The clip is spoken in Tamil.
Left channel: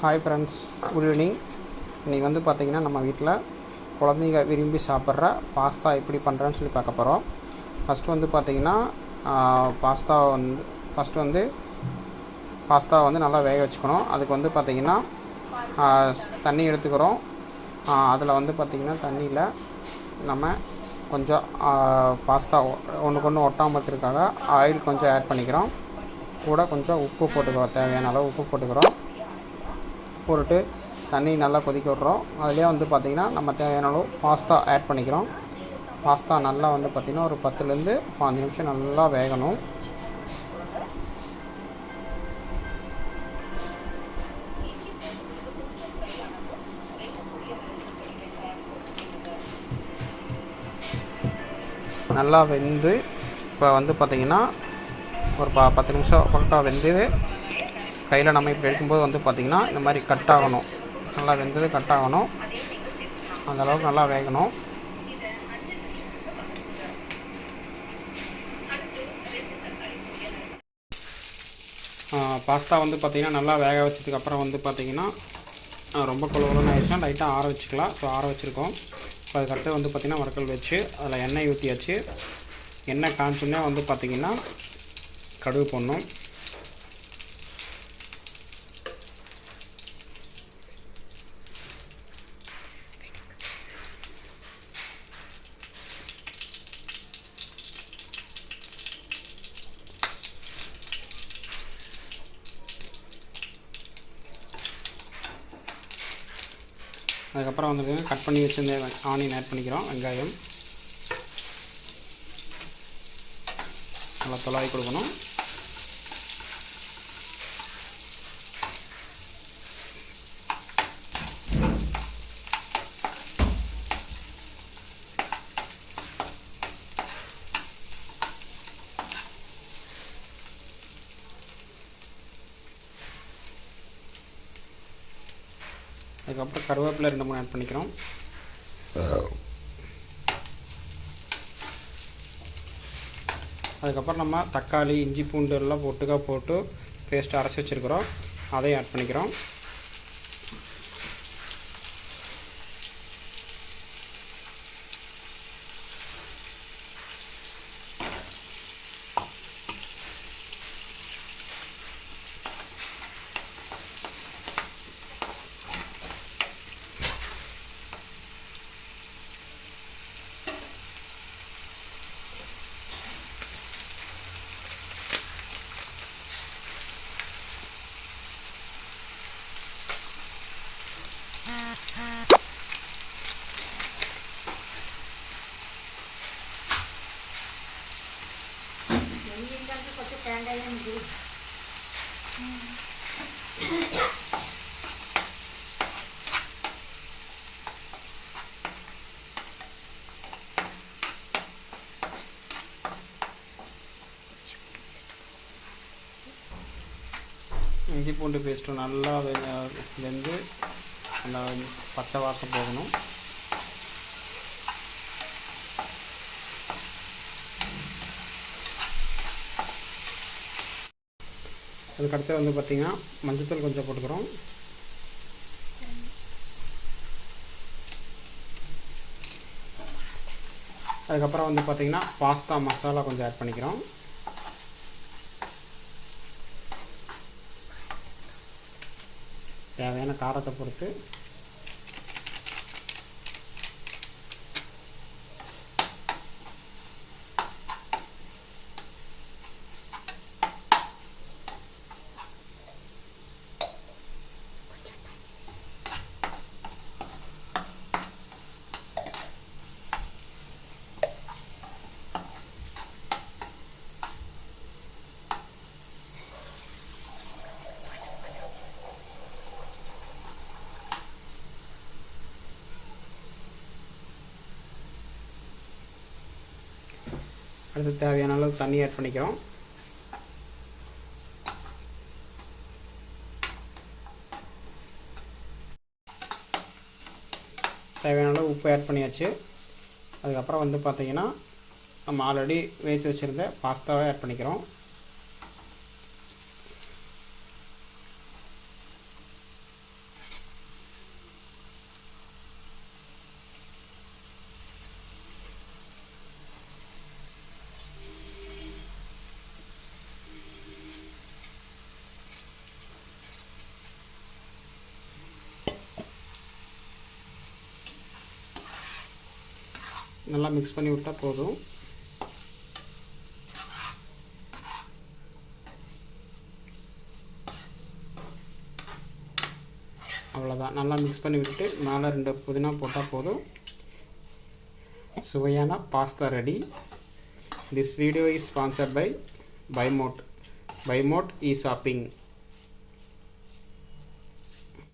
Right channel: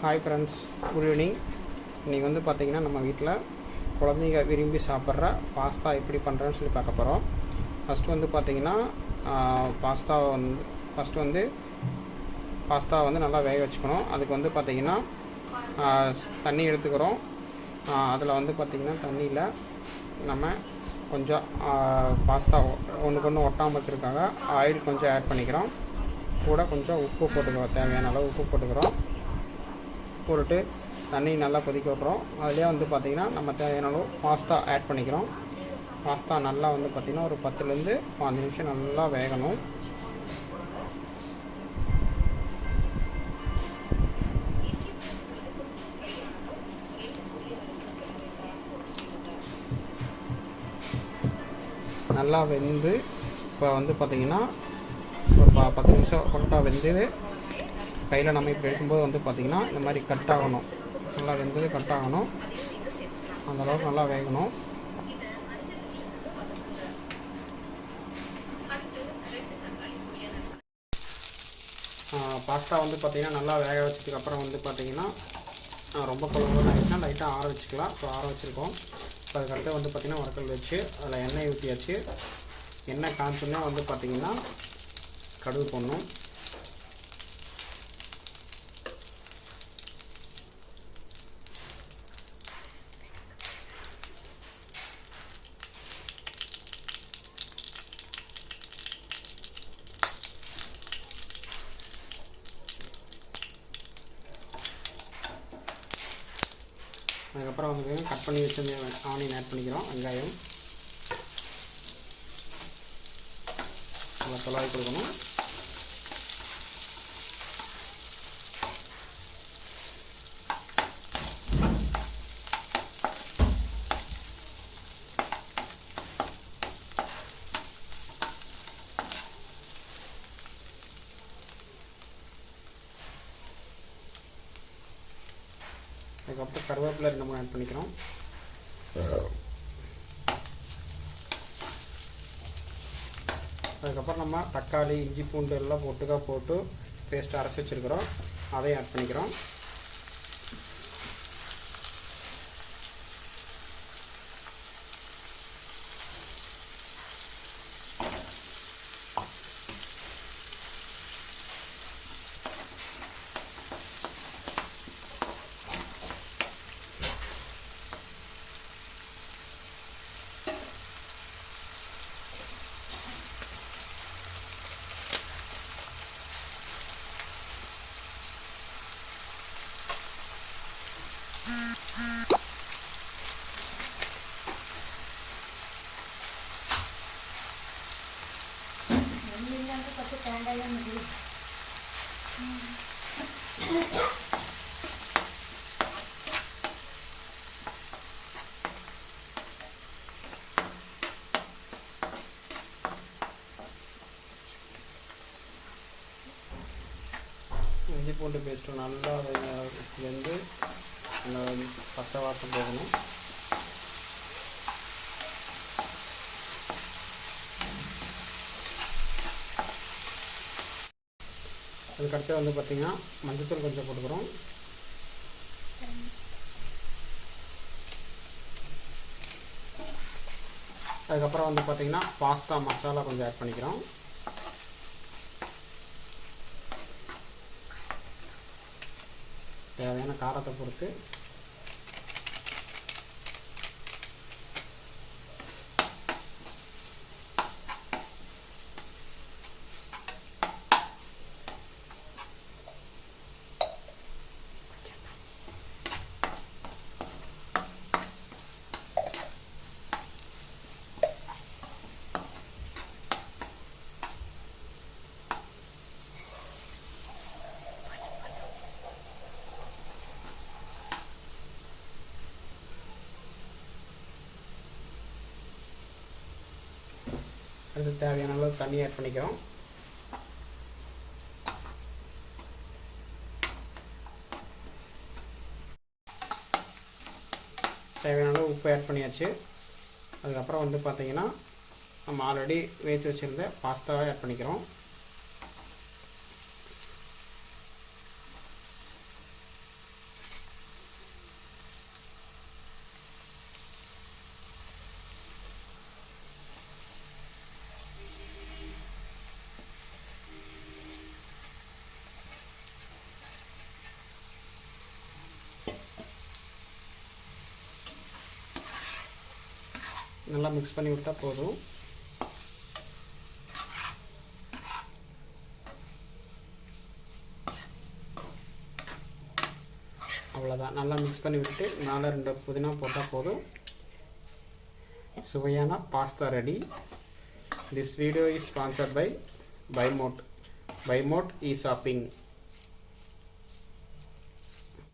Hi friends, good evening. இன்றைக்கி வந்து பார்த்திங்கன்னா நம்ம வீட்டில் குழந்தைங்க விரும்பி சாப்பிட்ற பாஸ்தா எப்படி பண்ணுறேன்னு சொல்லி பார்க்க போகிறோம். ஃபஸ்ட்டு வந்து பார்த்திங்கன்னா பாஸ்தா வந்து நல்லா வேக வச்சுக்கணும். அதுக்கு வந்து பார்த்திங்கன்னா தண்ணி எடுத்துக்கிறோம். அதில் வந்து பார்த்திங்கன்னா தண்ணியில் நம்ம கொஞ்சம் பாஸ்தா ஒன்றுக்கு ஒன்று ஒட்டாமல் இருக்கிறதுக்காக ஆயில் கொஞ்சம் ஆட் பண்ணிக்கிறோம். கூட கொஞ்சம் உப்பு போட்டுக்கிறோம், தேவையான அளவு உப்பு போட்டுக்கிறோம். போட்டுட்டு தண்ணி நல்லா கொதிக்க விட்றோம். அதிலே வந்து பார்த்திங்கன்னா நம்ம தேவையான அளவு பாஸ்தா ஆட் பண்ணிக்கிறோம். பாஸ்தா நல்லா வந்து பார்த்திங்கன்னா ஒரு 10லேருந்து 15 நிமிஷம் நல்லா வேகணும். நல்லா வெந்து இப்போ வந்து பார்த்திங்கன்னா ஒரு 10 நிமிஷம் பக்கம் வெந்து கையில் நம்ம இப்படி எடுக்கும்போது வந்து பார்த்திங்கன்னா இந்த மாதிரி கட் ஆகணும். நல்லா வெந்தது கட் ஆகணும். அந்தளவுக்கு நல்லா வேகணும். பாஸ்தா வந்து பார்த்திங்கன்னா நல்லா வேக வச்சதுக்கப்புறம் வந்து பார்த்திங்கன்னா ரொம்ப குழம்புன்னு ஆகிடுச்சுன்னா லைட்டாக ஆற வச்சுக்கலாம். ஸோ ஆற வச்சுருக்கோம். ஸோ அதுக்கடுத்து வந்து பார்த்திங்கன்னா வறுக்கல் வச்சு அதில் எண்ணெய் ஊற்றியாச்சு. எண்ணெய் காய்ச்சோன்னா வந்து பார்த்திங்கன்னா கடுகு போடணும். அதுக்கப்புறம் வந்து கட் பண்ணி வச்சுருந்த ஆனியன் ஆட் பண்ணிக்கிறோம். வெங்காயம் நல்லா தொலாவி கொடுக்கணும். அதுக்கப்புறம் கருவேப்பிலை 2-3 ஆட் பண்ணிக்கிறோம். அதுக்கப்புறம் நம்ம தக்காளி, இஞ்சி, பூண்டு எல்லாம் போட்டு பேஸ்ட்டு அரைச்சி வச்சுருக்கிறோம். அதையும் ஆட் பண்ணிக்கிறோம். இஞ்சி பூண்டு பேஸ்ட்டு நல்லா வெந்து அந்த பச்சை வாசம் போகணும். அதுக்கடுத்து வந்து பார்த்திங்கன்னா மஞ்சள்தூள் கொஞ்சம் போட்டுக்கிறோம். அதுக்கப்புறம் வந்து பார்த்திங்கன்னா பாஸ்தா மசாலா கொஞ்சம் ஆட் பண்ணிக்கிறோம். தேவையான காரத்தை பொறுத்து அதுக்கு தேவையான அளவு தண்ணி ஆட் பண்ணிக்கிறோம். தேவையான அளவு உப்பு ஆட் பண்ணியாச்சு. அதுக்கப்புறம் வந்து பார்த்திங்கன்னா நம்ம ஆல்ரெடி வேக வச்சுருந்த பாஸ்தாவை ஆட் பண்ணிக்கிறோம். நல்லா மிக்ஸ் பண்ணி விட்டால் போதும். அவ்வளோதான். நல்லா மிக்ஸ் பண்ணி விட்டுட்டு மேலே 2 புதினா போட்டால் போதும். சுவையான pasta ready. This video is sponsored by Bymote. Bymote e shopping.